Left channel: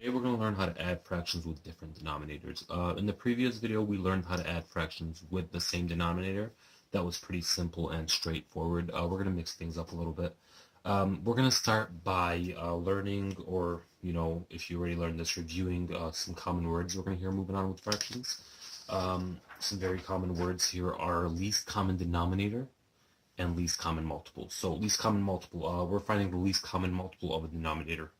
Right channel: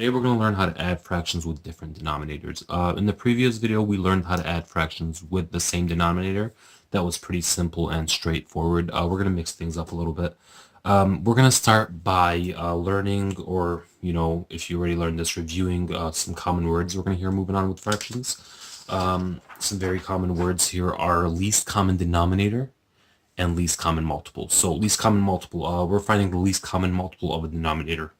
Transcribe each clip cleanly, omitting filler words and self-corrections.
Today we're going to learn how to add fractions with different denominators. In the previous video, we learned how to add fractions with the same denominator. That was pretty simple and straightforward. We're going to mix things up a little bit. We're going to start by learning, or, if you already learned this, reviewing some common words we're going to hear moving on with fractions. Some very common words here are least common denominator and least common multiple. So least common multiple, we're finding the least common multiple of a denominator.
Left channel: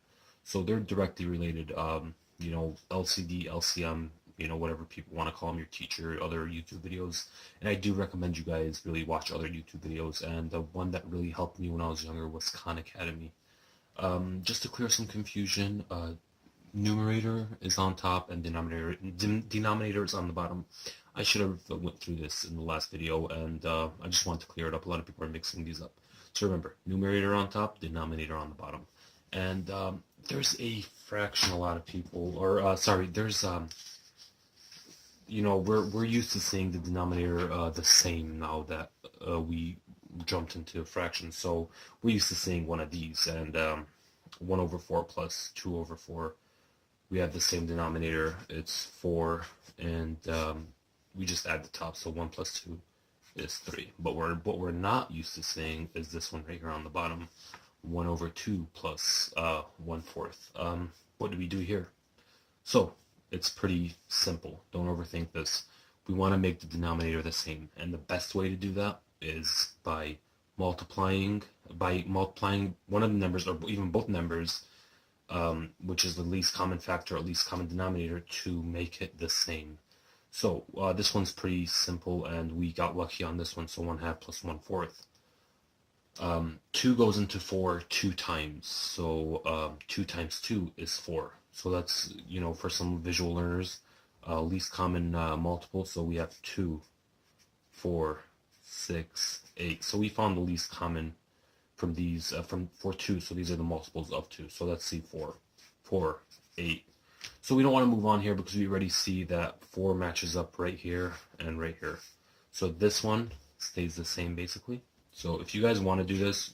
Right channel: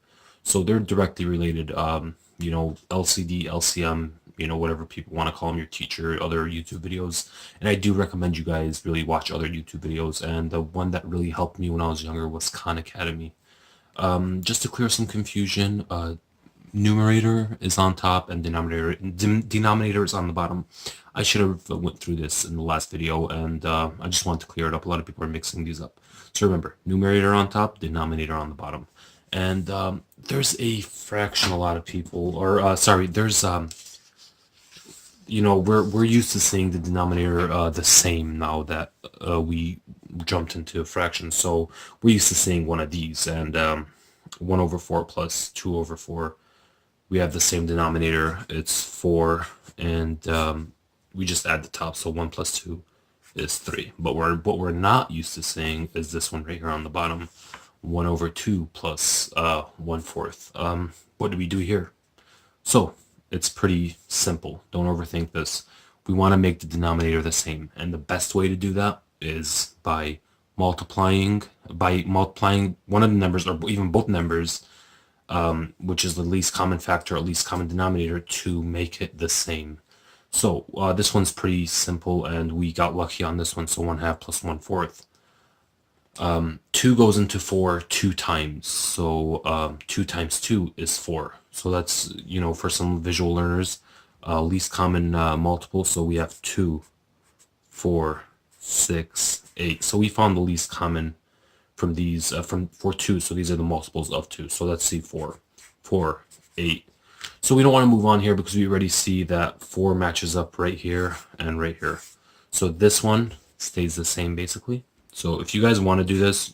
So they're directly related, LCD, LCM, whatever people want to call them, your teacher, other YouTube videos. And I do recommend you guys really watch other YouTube videos. And the one that really helped me when I was younger was Khan Academy. Just to clear some confusion, numerator is on top and denominator is on the bottom. I should have went through this in the last video, and I just want to clear it up. A lot of people are mixing these up. So remember, numerator on top, denominator on the bottom. And there's a fraction, a lot of people, or there's we're used to seeing the denominator the same now that we jumped into a fraction. So we're used to seeing one of these, and 1 over 4 plus 2 over 4. We have the same denominator. It's 4, and we just add the top. So 1 plus 2 is 3. But what we're not used to seeing is this one right here on the bottom. 1 over 2 plus 1/4. What do we do here? So it's pretty simple. Don't overthink this. We want to make the denominator the same, and the best way to do that is by multiplying one of the numbers, or even both numbers, which is the least common factor or least common denominator, to make it the same. So this one's pretty simple, and we got lucky on this one. So 1/2 plus 1/4. 2 goes into 4 2 times. So 2 times 2 is 4. So that's, for some visual learners, least common multiple. So we have 2, 4, 6, 8. So we found the least common from these, for 2. So these are the multiples of 2. So let's see, 4, 4, 8. So we don't want to move on here because we already see that 4 matches up right here and right here. So this one stays the same basically. So if you guys want to do this,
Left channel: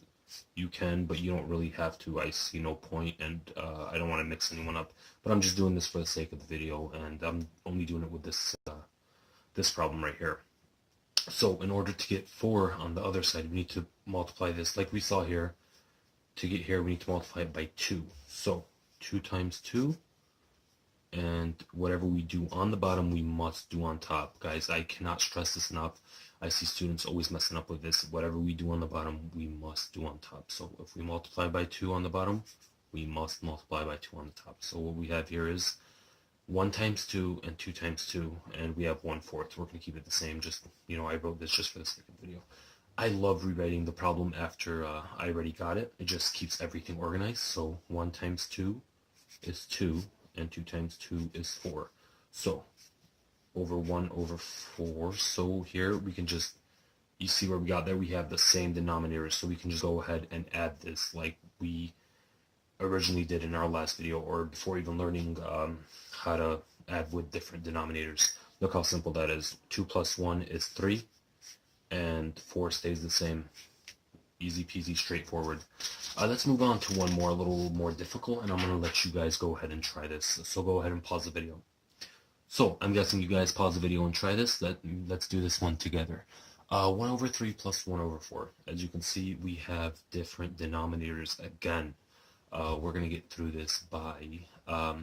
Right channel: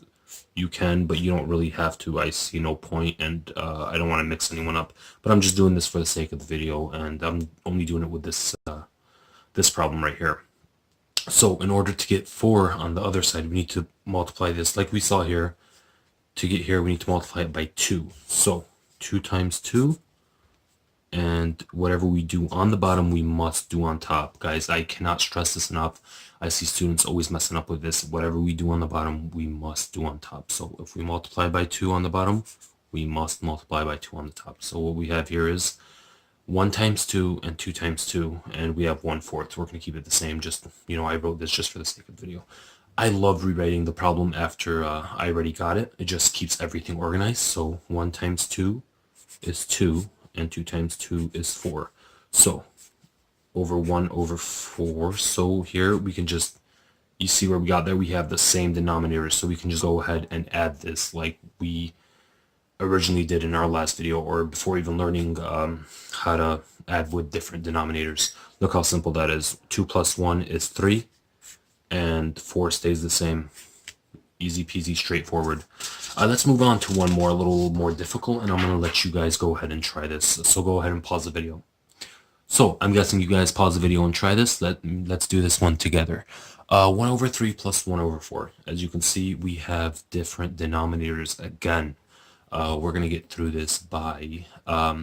you can, but you don't really have to. I see no point, and I don't want to mix anyone up. But I'm just doing this for the sake of the video, and I'm only doing it with this this problem right here. So in order to get 4 on the other side, we need to multiply this like we saw here. To get here, we need to multiply it by 2. So 2 times 2, and whatever we do on the bottom, we must do on top. Guys, I cannot stress this enough. I see students always messing up with this. Whatever we do on the bottom, we must do on top. So if we multiply by 2 on the bottom, we must multiply by 2 on the top. So what we have here is 1 times 2 and 2 times 2, and we have 1/4. We're going to keep it the same. Just, I wrote this just for the sake of the video. I love rewriting the problem after I already got it. It just keeps everything organized. So 1 times 2 is 2, and 2 times 2 is 4. So over 1 over 4. So here we can just, you see where we got there, we have the same denominator. So we can just go ahead and add this like we originally did in our last video, or before even learning how to add with different denominators. Look how simple that is. 2 plus 1 is 3, and 4 stays the same. Easy peasy, straightforward. Let's move on to one more, a little more difficult, and I'm going to let you guys go ahead and try this. So go ahead and pause the video. So I'm guessing you guys pause the video and try this. Let's do this one together. 1 over 3 plus 1 over 4. As you can see, we have different denominators again. We're going to get through this by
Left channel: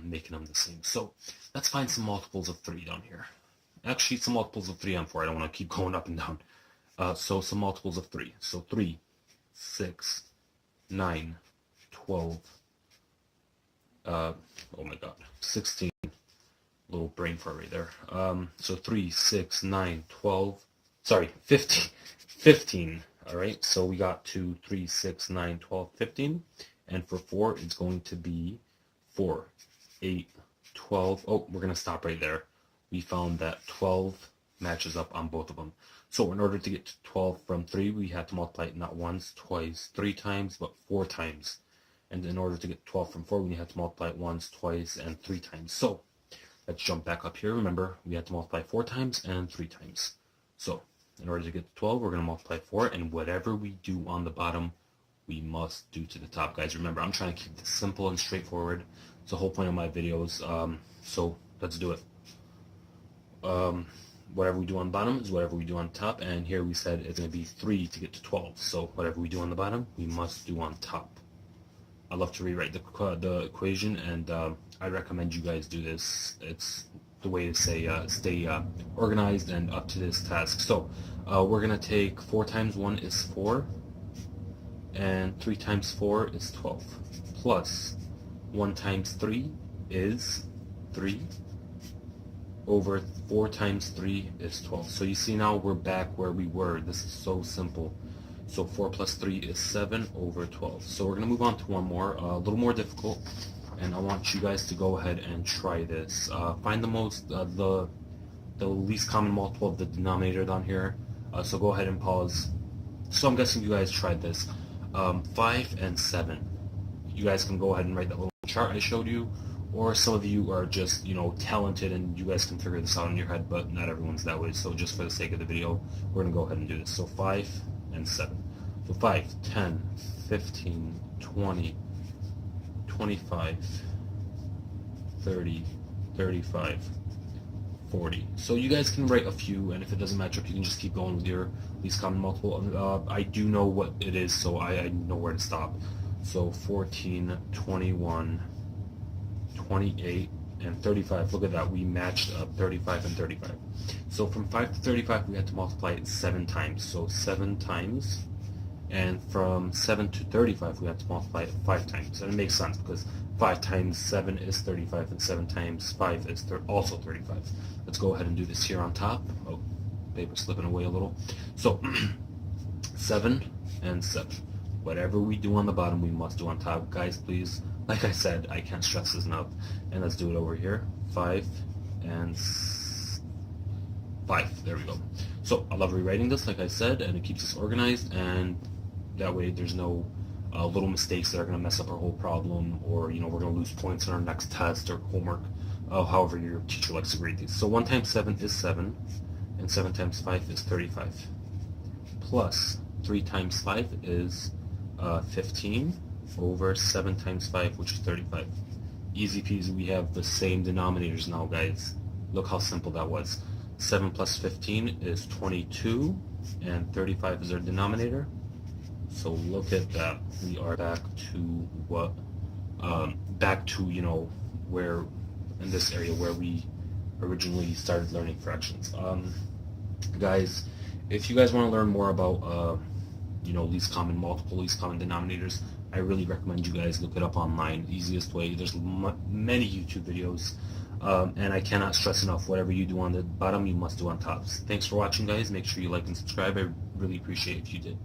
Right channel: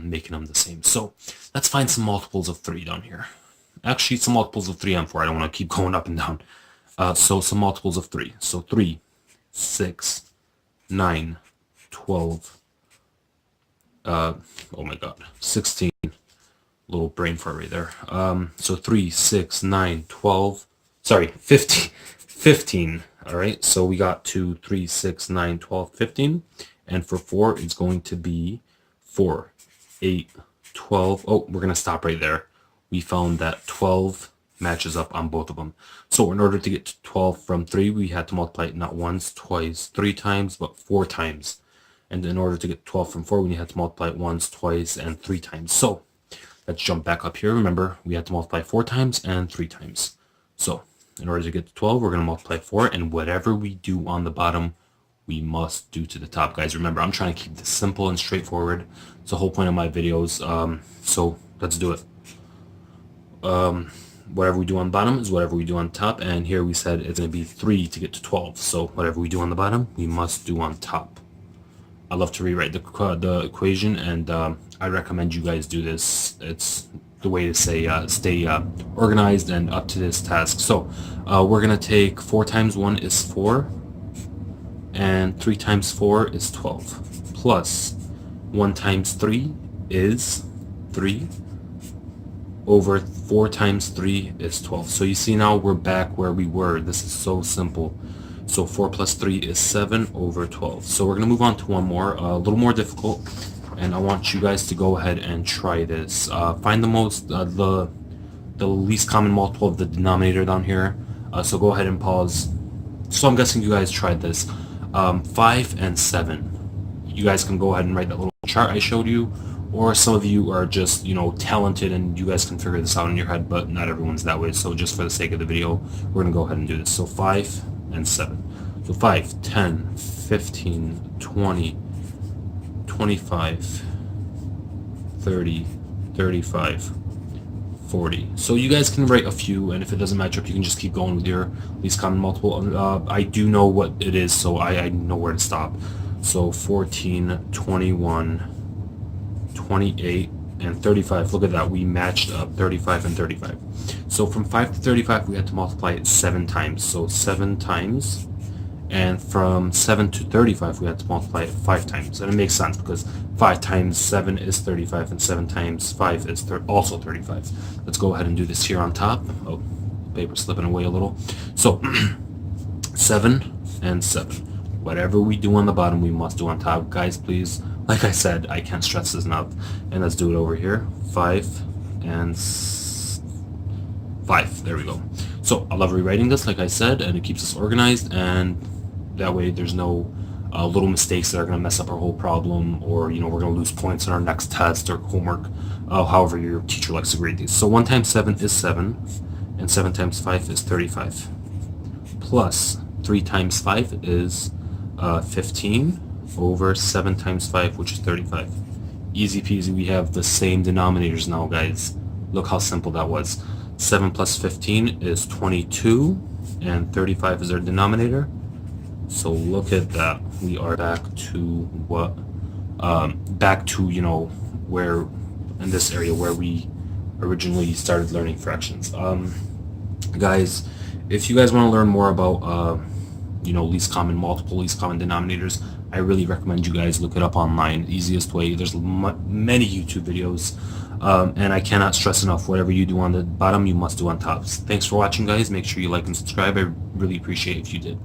making them the same. So let's find some multiples of 3 down here. Actually, some multiples of 3 and 4. I don't want to keep going up and down. So some multiples of 3. So 3, 6, 9, 12, oh my god, 16. Little brain fart right there. So 3, 6, 9, 12, sorry, 15. All right, so we got 2, 3, 6, 9, 12, 15. And for 4, it's going to be 4, 8, 12. Oh, we're going to stop right there. We found that 12 matches up on both of them. So in order to get to 12 from 3, we had to multiply it not once, twice, 3 times, but 4 times. And in order to get 12 from 4, we had to multiply it once, twice, and 3 times. So let's jump back up here. Remember, we had to multiply 4 times and 3 times. So in order to get to 12, we're going to multiply 4, and whatever we do on the bottom, we must do to the top. Guys, remember, I'm trying to keep this simple and straightforward. It's the whole point of my videos. So let's do it. Whatever we do on the bottom is whatever we do on top, and here we said it's going to be 3 to get to 12. So whatever we do on the bottom, we must do on top. I love to rewrite the equation, and I recommend you guys do this. It's the way to say stay organized and up to this task. So we're going to take 4 times 1 is 4, and 3 times 4 is 12, plus 1 times 3 is 3, over 4 times 3 is 12. So you see now we're back where we were. This is so simple. So 4 plus 3 is 7 over 12. So we're going to move on to one more, a little more difficult, and I want you guys to go ahead and try this. Find the least common multiple of the denominator down here. So go ahead and pause. So I'm guessing you guys tried this. 5 and 7. You guys can go ahead and write that little chart I showed you, or some of you are just, you know, talented and you guys can figure this out in your head, but not everyone's that way. So just for the sake of the video, we're going to go ahead and do this. So 5 and 7. So 5, 10, 15, 20, 25, 30, 35, 40. So you guys can write a few, and if it doesn't match up, you can just keep going with your least common multiple. I do know what it is, so I know where to stop. So 14, 21, 28, and 35. Look at that, we matched up 35 and 35. So from 5 to 35 we had to multiply it 7 times, so 7 times, and from 7 to 35 we had to multiply it 5 times. And it makes sense because 5 times 7 is 35 and 7 times 5 is also 35. Let's go ahead and do this here on top. Oh, paper slipping away a little. So 7 and 7. Whatever we do on the bottom, we must do on top. Guys, please, like I said, I can't stress this enough. And let's do it over here. 5 and 5. There we go. So I love rewriting this, like I said, and it keeps us organized, and that way there's no little mistakes that are going to mess up our whole problem, or, you know, we're going to lose points in our next test or homework, however your teacher likes to grade these. So 1 times 7 is 7, and 7 times 5 is 35, plus 3 times 5 is 15 over 7 times 5, which is 35. Easy peasy. We have the same denominators now, guys. Look how simple that was. 7 plus 15 is 22, and 35 is our denominator. So look at that. We are back to what, you know, where in this area where we originally started learning fractions. Guys, if you guys want to learn more about you know, least common multiple, least common denominators, I really recommend you guys look it up online. Easiest way. There's many YouTube videos, and I cannot stress enough, whatever you do on the bottom, you must do on top. Thanks for watching, guys. Make sure you like and subscribe. I really appreciate it if you did.